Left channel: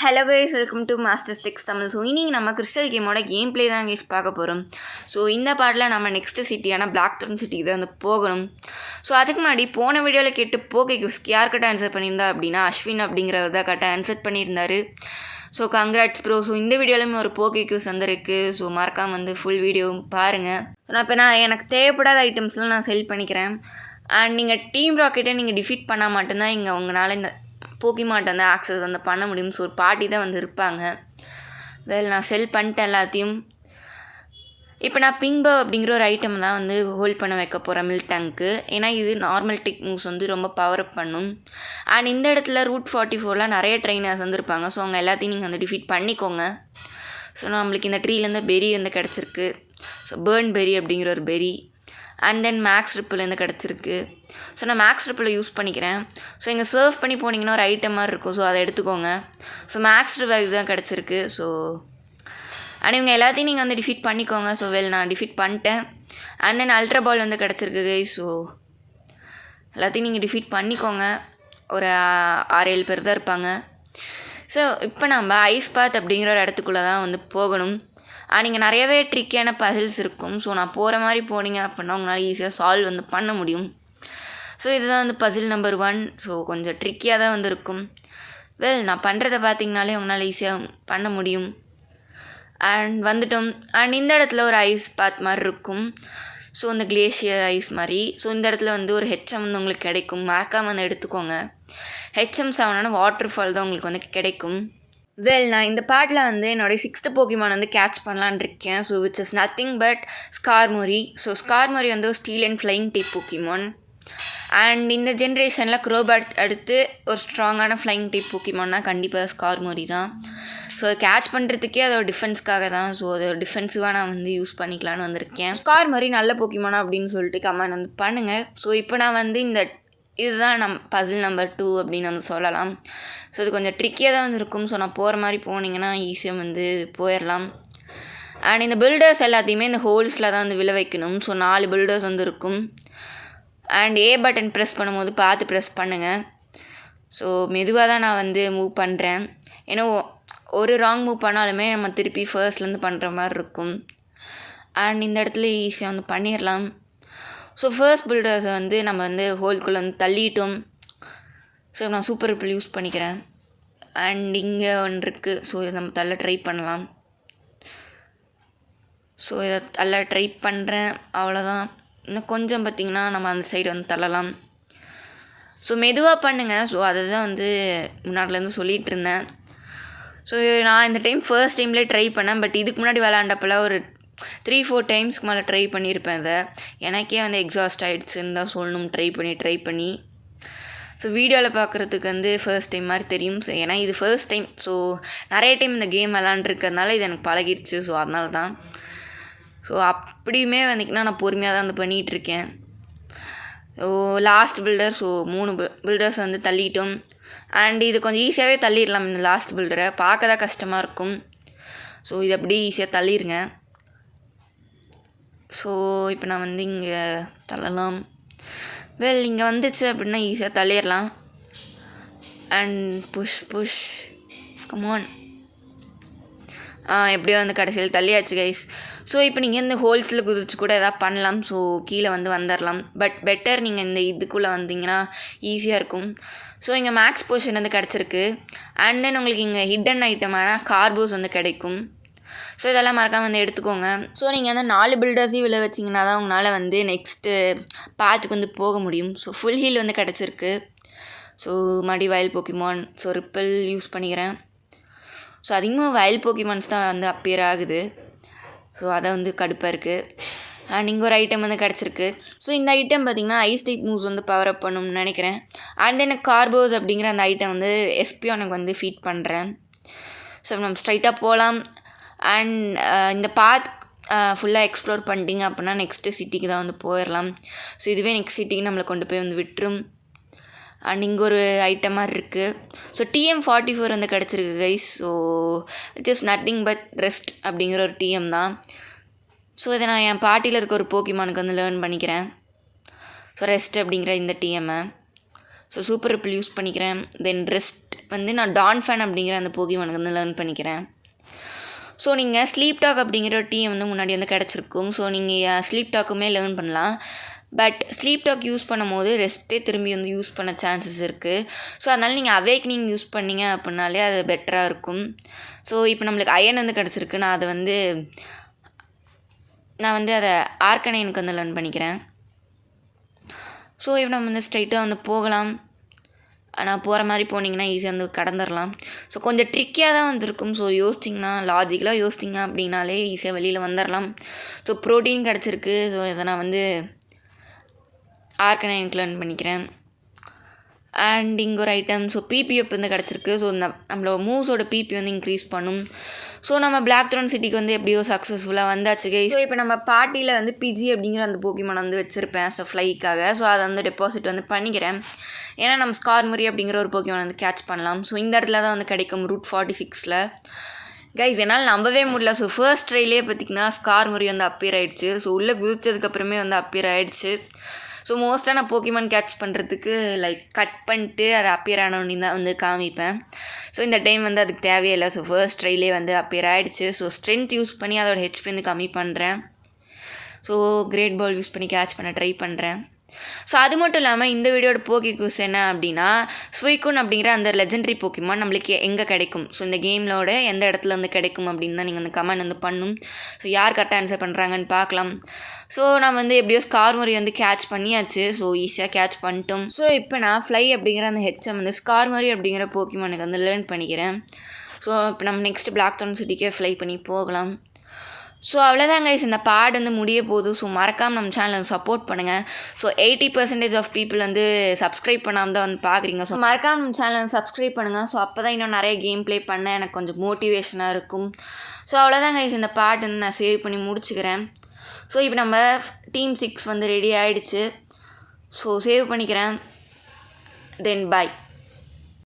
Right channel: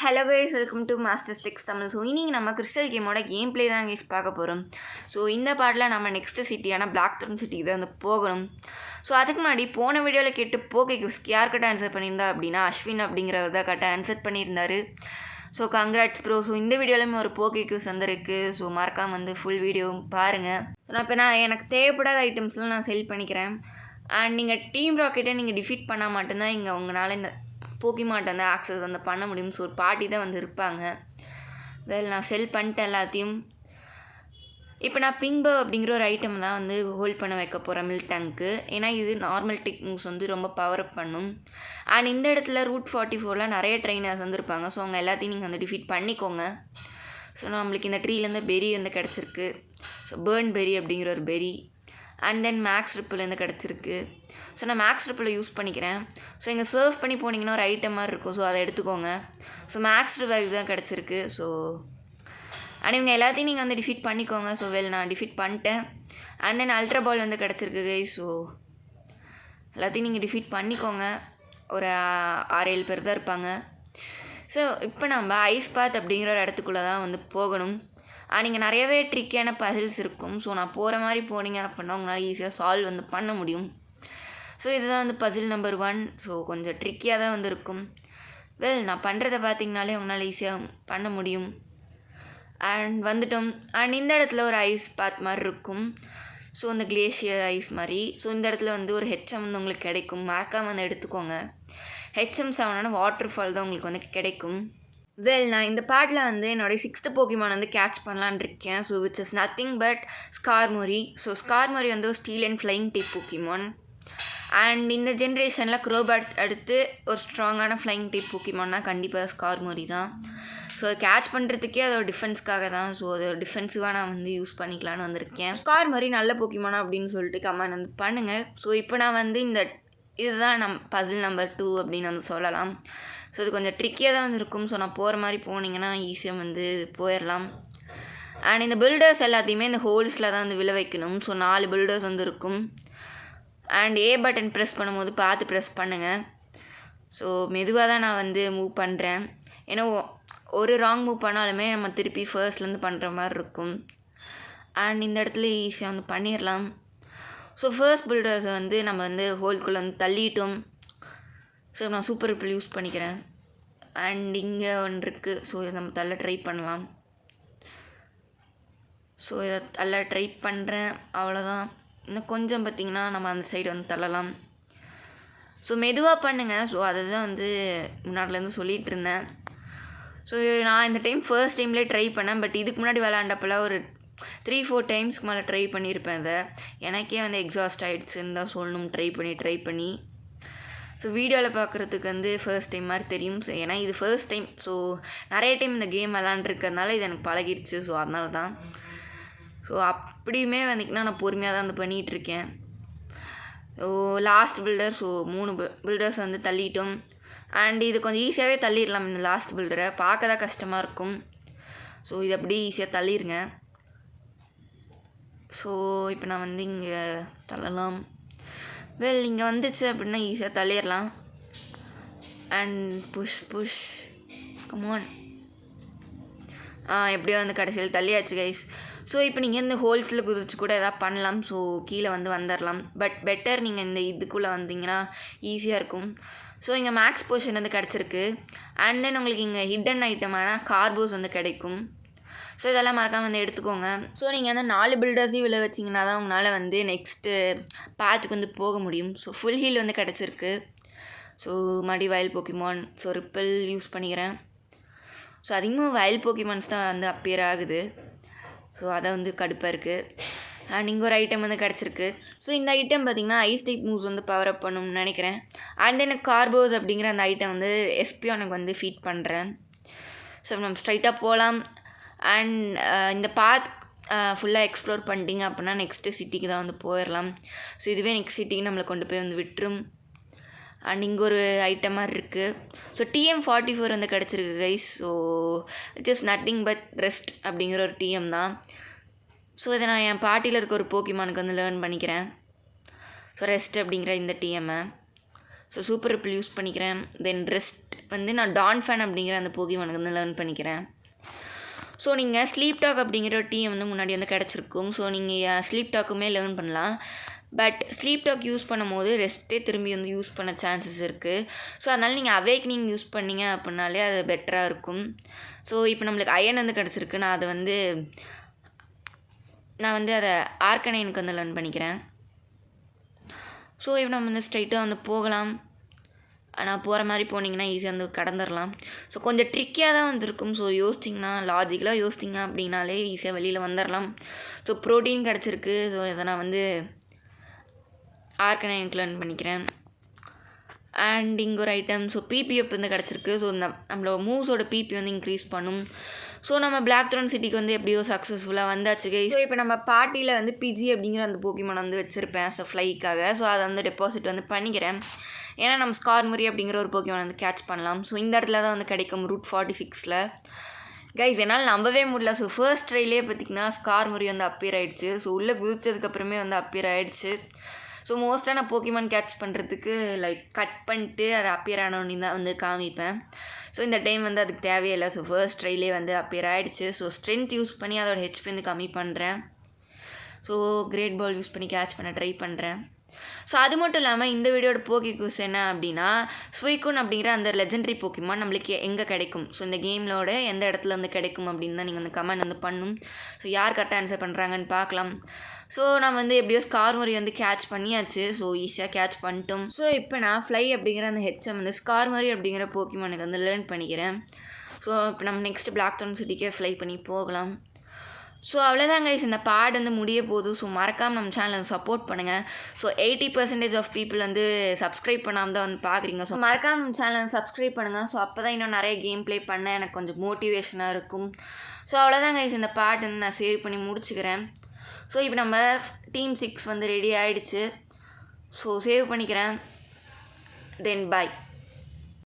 Hello guys, welcome to masters techs Tamil. So இன்னைக்கு நம்ம crystal கேமோட கேம் ப்ளே தான் கைஸ் பார்க்க போகிறோம். ஸோ இந்த பாட்டில் நம்ம நெக்ஸ்ட் சிட்டியான பிளாக் த்ரோன் சிட்டிக்கு தான் வந்து போகணும். ஸோ அதுக்கு முன்னாடி போன வீடியோவில் கேட்டு போகே கிஃப்ட் யார் கரெக்டாக ஆன்சர் பண்ணியிருந்தா அப்படின்னா அஸ்வின் அப்படிங்கிறவர் தான் கரெக்டாக ஆன்சர் பண்ணியிருந்தார். So congrats bro. ஸோ இந்த வீடியோலையும் ஒரு போகே கிஃப்ட் வந்திருக்கு. ஸோ மறக்காமல் வந்து ஃபுல் வீடியோவும் பாருங்கள். நான் எனக்கு தேவைப்படாத ஐட்டம்ஸ்லாம் நான் செல் பண்ணிக்கிறேன். அண்ட் நீங்கள் டீம் ராக்கெட்டை நீங்கள் டிஃபீட் பண்ணால் மட்டும்தான் இங்கே உங்களால் இந்த போக்கிமார்ட் வந்து ஆக்சஸ் வந்து பண்ண முடியும். ஸோ ஒரு பார்ட்டி தான் வந்து இருப்பாங்க. நான் செல் பண்ணிட்டேன் எல்லாத்தையும். இப்போ நான் பிங்போ அப்படிங்கிற ஒரு ஐட்டம் தான் வந்து ஹோல்ட் பண்ண வைக்க போகிறேன் மில்க் டேங்க்கு. ஏன்னா இது நார்மல் டெக் மூவ்ஸ் வந்து ரொம்ப பவர் அப் பண்ணும். அண்ட் இந்த இடத்துல ரூட் 44 நிறைய ட்ரெயினர்ஸ் வந்து இருப்பாங்க. ஸோ அவங்க எல்லாத்தையும் நீங்கள் வந்து டிஃபீட் பண்ணிக்கோங்க. ஸோ நம்மளுக்கு இந்த ட்ரீலேருந்து பெரி வந்து கிடச்சிருக்கு. ஸோ பேர்ன் பெரி அப்படிங்கிற ஒரு பெரி. அண்ட் தென் மேக்ஸ் ட்ரிப்பிலேருந்து கிடச்சிருக்கு. ஸோ நான் மேக்ஸ் ட்ரிப்பில் யூஸ் பண்ணிக்கிறேன். ஸோ இங்கே சர்வ் பண்ணி போனீங்கன்னா ஒரு ஐட்டம் மாதிரி இருக்கும். ஸோ அதை எடுத்துக்கோங்க. ஸோ மேக்ஸ் ட்ரிப் தான் கிடச்சிருக்கு. ஸோ அண்ட் இவங்க எல்லாத்தையும் நீங்கள் வந்து டிஃபீட் பண்ணிக்கோங்க. ஸோ நான் டிஃபீட் பண்ணிட்டேன். அண்ட் தென் அல்ட்ரா பால் வந்து கிடச்சிருக்கு. ஸோ எல்லாத்தையும் நீங்கள் டிஃபீட் பண்ணிக்கோங்க. ஒரு 6-7 பேர் தான் இருப்பாங்க. ஸோ இப்போ நம்ம ஐஸ் பாத் அப்படிங்கிற ஒரு இடத்துக்குள்ளே தான் வந்து போகணும். நீங்கள் நிறையவே ட்ரிக்கியான பசில்ஸ் இருக்கும். ஸோ நான் போகிற மாதிரி போனீங்க அப்படின்னா உங்களால் ஈஸியாக சால்வ் வந்து பண்ண முடியும். ஸோ இதுதான் வந்து பசில் நம்பர் 1. ஸோ கொஞ்சம் ட்ரிக்கியாக தான் வந்து இருக்கும். நான் பண்ணுறதை பார்த்தீங்கனாலே உங்களால் ஈஸியாக பண்ண முடியும். அண்ட் வந்துட்டோம். அண்ட் இந்த இடத்துல ஒரு ஐஸ் பாத் மாதிரி இருக்கும். ஸோ இந்த கிளேஷியர் ஐஸ் மாதிரி. ஸோ இந்த இடத்துல வந்து ஒரு ஹெச்எம் வந்து உங்களுக்கு கிடைக்கும். மறக்காமல் வந்து எடுத்துக்கோங்க. ஹெச்எம் 7 வாட்டர் ஃபால் தான் உங்களுக்கு வந்து கிடைக்கும். நான் இந்த பாட்டில் வந்து என்னோடய 6th போக்கிமான் வந்து கேட்ச் பண்ணலான் இருக்கேன். So which is nothing but Skarmory. So Skarmory வந்து ஒரு steel and flying type Pokemon. And இந்த ஜென்ரேஷனில் க்ரோபேட் அடுத்து ஒரு ஸ்ட்ராங்கான ஃப்ளைங் டைப் போக்கிமான்னா கண்டிப்பாக ஸ்கார்மோரி தான். ஸோ அதை கேட்ச் பண்ணுறதுக்கே அதோட டிஃபென்ஸ்க்காக தான். ஸோ அதோட டிஃபென்ஸுவாக நான் வந்து யூஸ் பண்ணிக்கலான்னு வந்திருக்கேன். ஸ்கார்மோரி நல்ல போக்கிமானா அப்படின்னு சொல்லிட்டு கமெண்ட் வந்து பண்ணுங்கள். ஸோ இப்போ நான் வந்து இதுதான் பசில் நம்பர் 2 அப்படின்னு வந்து சொல்லலாம். ஸோ இது கொஞ்சம் ட்ரிக்கியாக தான் வந்து இருக்கும். ஸோ நான் போகிற மாதிரி போனீங்கன்னா ஈஸியாக வந்து போயிடலாம். அண்ட் இந்த பில்டர்ஸ் எல்லாத்தையுமே இந்த ஹோல்ஸில் தான் வந்து விழ வைக்கணும். ஸோ 4 பில்டர்ஸ் வந்து இருக்கும். அண்ட் ஏ பட்டன் ப்ரெஸ் பண்ணும்போது பார்த்து ப்ரெஸ் பண்ணுங்கள். ஸோ மெதுவாக தான் நான் வந்து மூவ் பண்ணுறேன். ஏன்னா ஒரு ராங் மூவ் பண்ணாலுமே நம்ம திருப்பி ஃபர்ஸ்ட்லேருந்து பண்ணுற மாதிரி இருக்கும். அண்ட் இந்த இடத்துல ஈஸியாக வந்து பண்ணிடலாம். ஸோ ஃபர்ஸ்ட் பில்டர்ஸை வந்து நம்ம வந்து ஹோல்குள்ளே வந்து தள்ளிட்டோம். ஸோ நான் சூப்பர் ரிப்பிள் யூஸ் பண்ணிக்கிறேன். அண்ட் இங்கே ஒன்று இருக்குது. ஸோ இதை நம்ம தள்ள ட்ரை பண்ணலாம். ஸோ இதை தள்ள ட்ரை பண்ணுறேன். அவ்வளோதான். இன்னும் கொஞ்சம் பார்த்திங்கன்னா நம்ம அந்த சைடு வந்து தள்ளலாம். ஸோ மெதுவாக பண்ணுங்கள். ஸோ அதை தான் வந்து முன்னாடிலேருந்து சொல்லிகிட்டு இருந்தேன். ஸோ நான் இந்த டைம் ஃபர்ஸ்ட் டைம்லேயே ட்ரை பண்ணேன். பட் இதுக்கு முன்னாடி விளாண்டப்பெல்லாம் ஒரு 3-4 டைம்ஸ்க்கு மேலே ட்ரை பண்ணியிருப்பேன். இதை எனக்கே வந்து எக்ஸாஸ்ட் ஆகிடுச்சுன்னு தான் சொல்லணும். ட்ரை பண்ணி ஸோ வீடியோவில் பார்க்குறதுக்கு வந்து ஃபர்ஸ்ட் டைம் மாதிரி தெரியும். ஸோ ஏன்னா இது ஃபர்ஸ்ட் டைம். ஸோ நிறைய டைம் இந்த கேம் விளாண்டுருக்கிறதுனால இது எனக்கு பழகிடுச்சு. ஸோ அதனால தான். ஸோ அப்படியுமே வந்திங்கன்னா நான் பொறுமையாக தான் வந்து பண்ணிகிட்ருக்கேன். Last filter. ஸோ 3 பில்டர்ஸ் வந்து தள்ளிட்டோம். அண்ட் இது கொஞ்சம் ஈஸியாகவே தள்ளிடலாம். இந்த லாஸ்ட் பில்டரை பார்க்க தான் கஷ்டமாக இருக்கும். ஸோ இது அப்படியே ஈஸியாக தள்ளிடுங்க. ஸோ இப்போ நான் வந்து இங்கே தள்ளலாம். இங்கே வந்துச்சு அப்படின்னா ஈஸியாக தள்ளிடலாம். And push come on. எப்படியோ வந்து கடைசியில் தள்ளியாச்சு கைஸ். ஸோ இப்போ நீங்கள் இந்த ஹோல்ஸில் குதிச்சு கூட எதாவது பண்ணலாம். ஸோ கீழே வந்து வந்துடலாம். பட் பெட்டர் நீங்கள் இந்த இதுக்குள்ளே வந்தீங்கன்னா ஈஸியாக இருக்கும். ஸோ இங்கே மேக்ஸ் பொசிஷன் வந்து கிடச்சிருக்கு. அண்ட் தென் உங்களுக்கு இங்கே ஹிடன் ஐட்டமான கார்போஸ் வந்து கிடைக்கும். ஸோ இதெல்லாம் மறக்காமல் வந்து எடுத்துக்கோங்க. ஸோ நீங்கள் வந்து 4 பில்டர்ஸையும் விழ வச்சிங்கன்னா தான் உங்களால் வந்து நெக்ஸ்ட்டு பாத்துக்கு வந்து போக முடியும். ஸோ ஃபுல் ஹீல் வந்து கிடச்சிருக்கு. ஸோ மறுபடி வயல் போக்கிமான். ஸோ ரிப்பிள் யூஸ் பண்ணிக்கிறேன். ஸோ அதிகமாக வயல் போக்கிமான்ஸ் தான் வந்து அப்பியர் ஆகுது. ஸோ அதை வந்து கடுப்பாக இருக்குது. அண்ட் இங்கே ஒரு ஐட்டம் வந்து கிடச்சிருக்கு. ஸோ இந்த ஐட்டம் பார்த்திங்கன்னா ஐஸ் டைப் மூவ்ஸ் வந்து பவர் அப் பண்ணணும்னு நினைக்கிறேன். அண்ட் எனக்கு கார்போஸ் அப்படிங்கிற அந்த ஐட்டம் வந்து எஸ்பியானுக்கு வந்து ஃபீட் பண்ணுறேன். ஸோ நம்ம ஸ்ட்ரைட்டாக போகலாம். அண்ட் இந்த பாத் ஃபுல்லாக எக்ஸ்ப்ளோர் பண்ணிட்டீங்க அப்படின்னா நெக்ஸ்ட்டு சிட்டிக்கு தான் வந்து போயிடலாம். ஸோ இதுவே நெக்ஸ்ட் சிட்டிக்கு நம்மளை கொண்டு போய் வந்து விட்டுரும். அண்ட் இங்கே ஒரு ஐட்டம் மாதிரி இருக்குது. ஸோ TM44 வந்து கிடச்சிருக்கு guys. So it is nothing but rest அப்படிங்கிற ஒரு TM தான். ஸோ இதை நான் என் பாட்டியில் இருக்க ஒரு போக்கிமானுக்கு வந்து லேர்ன் பண்ணிக்கிறேன். ஸோ ரெஸ்ட் அப்படிங்கிற இந்த TM-ஐ ஸோ சூப்பர் ரிப்பிள் யூஸ் பண்ணிக்கிறேன். தென் ரெஸ்ட் வந்து நான் டான்ஃபன் அப்படிங்கிற அந்த போக்கிமானுக்கு வந்து லேர்ன் பண்ணிக்கிறேன். ஸோ நீங்கள் ஸ்லீப் டாக் அப்படிங்கிற டீம் வந்து முன்னாடி வந்து கிடச்சிருக்கும். ஸோ நீங்கள் ஸ்லீப் டாக்குமே லேர்ன் பண்ணலாம். பட் ஸ்லீப் டாக் யூஸ் பண்ணும்போது ரெஸ்ட்டே திரும்பி வந்து யூஸ் பண்ண சான்சஸ் இருக்குது. ஸோ அதனால் நீங்கள் அவேக்னிங் யூஸ் பண்ணிங்க அப்படின்னாலே அது பெட்டராக இருக்கும். ஸோ இப்போ நம்மளுக்கு அயன் வந்து கிடச்சிருக்கு. நான் வந்து அதை ஆர்கனைனுக்கு வந்து லேர்ன் பண்ணிக்கிறேன். ஸோ இப்போ நம்ம வந்து ஸ்ட்ரைட்டாக வந்து போகலாம். ஆனால் போகிற மாதிரி போனீங்கன்னா ஈஸியாக வந்து கடந்துடலாம். ஸோ கொஞ்சம் ட்ரிக்கியாக தான் வந்துருக்கும். ஸோ யோசிச்சிங்கன்னா லாஜிக்கலாக யோசிச்சிங்க அப்படின்னாலே ஈஸியாக வெளியில் வந்துடலாம். ஸோ ப்ரோட்டீன் கிடச்சிருக்கு. ஸோ இதை நான் வந்து ஆர்கனைனுக்கு லேர்ன் பண்ணிக்கிறேன். அண்ட் இங்கே ஒரு ஐட்டம். ஸோ பிபிஎஃப் வந்து கிடச்சிருக்கு. ஸோ நம்மளோட மூவ்ஸோட பிபி வந்து இன்க்ரீஸ் பண்ணும். ஸோ நம்ம பிளாக் த்ரோன் சிட்டிக்கு வந்து எப்படியோ சக்ஸஸ்ஃபுல்லாக வந்தாச்சு கை. ஸோ இப்போ நம்ம பார்ட்டியில் வந்து பிஜி அப்படிங்கிற அந்த போக்கிமான் வந்து வச்சுருப்பேன். ஸோ ஃப்ளைக்காக. ஸோ அதை வந்து டெபாசிட் வந்து பண்ணிக்கிறேன். ஏன்னா நம்ம ஸ்கார்மரி அப்படிங்கிற ஒரு போக்கிமான் வந்து கேட்ச் பண்ணலாம். ஸோ இந்த இடத்துல தான் வந்து கிடைக்கும் ரூட் 46 கைஸ். என்னால் நம்பவே முடியல. ஸோ ஃபர்ஸ்ட் ட்ரைலே பார்த்திங்கன்னா ஸ்கார்மரி வந்து அப்பியர் ஆகிடுச்சு. ஸோ உள்ளே குதிச்சதுக்கப்புறமே வந்து அப்பியர் ஆகிடுச்சு. ஸோ மோஸ்ட்டாக நான் போக்கிமான் கேட்ச் பண்ணுறதுக்கு கட் பண்ணிட்டு அதை அப்பியர் ஆனோன்னு தான் வந்து காமிப்பேன். ஸோ இந்த டைம் வந்து அதுக்கு தேவையே இல்லை. ஸோ ஃபர்ஸ்ட் ட்ரைலே வந்து அப்பியர் ஆகிடுச்சு. ஸோ ஸ்ட்ரென்த் யூஸ் பண்ணி அதோட ஹெச்பி வந்து கம்மி பண்ணுறேன். ஸோ கிரேட் பால் யூஸ் பண்ணி கேட்ச் பண்ண ட்ரை பண்ணுறேன். ஸோ அது மட்டும் இல்லாமல் இந்த வீடியோட போக்கி குவிஸ் என்ன அப்படின்னா, ஸ்வீக்குன் அப்படிங்கிற அந்த லெஜெண்டரி போக்கிமான் நம்மளுக்கு எங்கே கிடைக்கும், ஸோ இந்த கேமிலோட எந்த இடத்துல வந்து கிடைக்கும் அப்படின்னு தான் நீங்கள் வந்து கமெண்ட் வந்து பண்ணணும். ஸோ யார் கரெக்டாக ஆன்சர் பண்ணுறாங்கன்னு பார்க்கலாம். ஸோ நான் வந்து எப்படியோ ஸ்கார்மரி வந்து கேட்ச் பண்ணியாச்சு. ஸோ ஈஸியாக கேட்ச் பண்ணிட்டோம். ஸோ இப்போ நான் ஃப்ளை அப்படிங்கிற அந்த ஹெச்எம் வந்து ஸ்கார்மரி அப்படிங்கிற போக்கிமானுக்கு வந்து லேர்ன் பண்ணிக்கிறேன். ஸோ இப்போ நம்ம நெக்ஸ்ட் பிளாக் த்ரோன் சிட்டிக்கே ஃப்ளை பண்ணி போகலாம். ஸோ அவ்வளோதான் கைஸ், இந்த பாடு வந்து முடிய போகுது. ஸோ மறக்காமல் நம்ம சேனலை சப்போர்ட் பண்ணுங்கள். ஸோ 80% ஆஃப் பீப்புள் வந்து சப்ஸ்கிரைப் பண்ணாமல் தான் வந்து பார்க்குறீங்க. ஸோ மறக்காமல் நம்ம சேனலை சப்ஸ்கிரைப் பண்ணுங்கள். ஸோ அப்போ தான் இன்னும் நிறைய கேம் ப்ளே பண்ண எனக்கு கொஞ்சம் மோட்டிவேஷனாக இருக்கும். ஸோ அவ்வளோதான் கைஸ், இந்த பாட்டு வந்து நான் சேவ் பண்ணி முடிச்சுக்கிறேன். ஸோ இப்போ நம்ம டீம் 6 வந்து ரெடி ஆகிடுச்சு. ஸோ சேவ் பண்ணிக்கிறேன். தென் பாய்.